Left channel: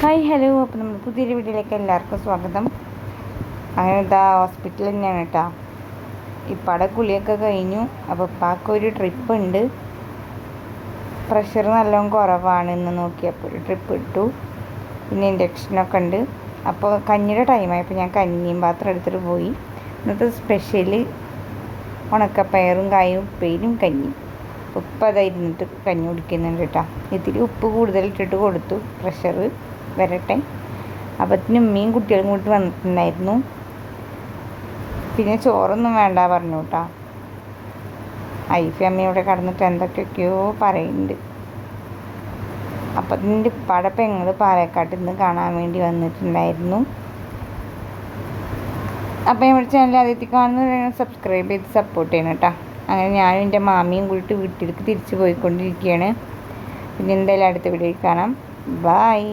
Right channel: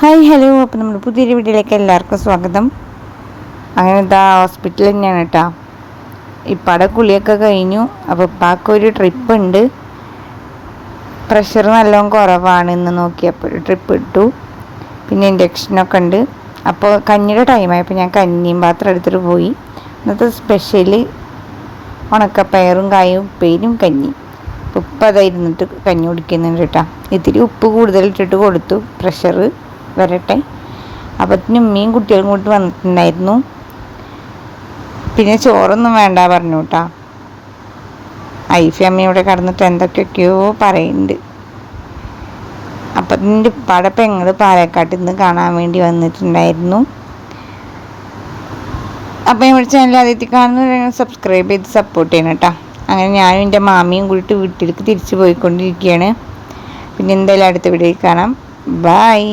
Hi hello അപ്പോൾ നമ്മൾ പുതിയൊരു വീഡിയോയിലേക്ക് എല്ലാവർക്കും സ്വാഗതം. അങ്ങനെ ഇതാ ഹോസ്പിറ്റലിൽ തന്നെയാണ് കേട്ടോ ഇപ്പാടെ കുളിയൊക്കെ കഴിഞ്ഞു. അപ്പോൾ ഇപ്പാക്ക് ഒരു ട്രിപ്പ് ഉണ്ട്. പ്രഷർ നല്ലോണം കുറവാണ് ഇന്ന് നോക്കിയപ്പോൾ ട്രിപ്പ് ഇട്ടു. പിന്നെ ഇൻഡക്ഷനൊക്കെ ഉണ്ട്. അപ്പോൾ കഞ്ഞിയുടെ ടൈമായപ്പോൾ ഞാൻ കഞ്ഞിയും പാത്രം എടുത്തിട്ട് പോയി. ഇന്നത്തെ സ്പെഷ്യൽ ഉണക്കപ്പയറും കായും ഉപ്പേരും കഞ്ഞി. ഉപ്പ് അതായിരുന്നിട്ട് കഞ്ഞി കുടിക്കുന്നുണ്ട് കേട്ടോ ഇത്തിരി ഉപ്പ് കൂടുതൽ ഇട്ടിട്ട് കൊടുത്തു. പ്രഷർ വരട്ടെ. അപ്പത്തിനും ഉമ്മയും കുട്ടികളും കൂട്ടി വന്നിട്ടുണ്ടായിരുന്നു. പിന്നെ ചോറൊന്നും വേണ്ട പറഞ്ഞു കേട്ടോ ഐഫി അമ്മ ഇവിടെ കടന്നിട്ട് എന്തൊക്കെയൊക്കെയോ പറയുന്നുണ്ട്. അപ്പം എന്റെ ഉപ്പാടെ പെങ്ങൾ പാലക്കാട്ടിൽ നിന്ന് കാണാൻ വേണ്ടി വന്നിട്ടുണ്ടായിരുന്നു. അപ്പം ഇവിടെ ചാനൽ ആദ്യത്തെ കാണുന്ന സബ്സ്ക്രൈബ് ചെയ്ത് സപ്പോർട്ട് ചെയ്യണം കേട്ടോ അങ്ങനെ ഞാനും എന്റെ മാമിയും കൂടിയിട്ട് വീട്ടിലേക്ക് തിരിച്ചു പോയിക്കൊണ്ടിരിക്കുകയാണ്. പിന്നെ എന്തായാലും അടുത്ത വീഡിയോയിൽ കാണാം. ബായ്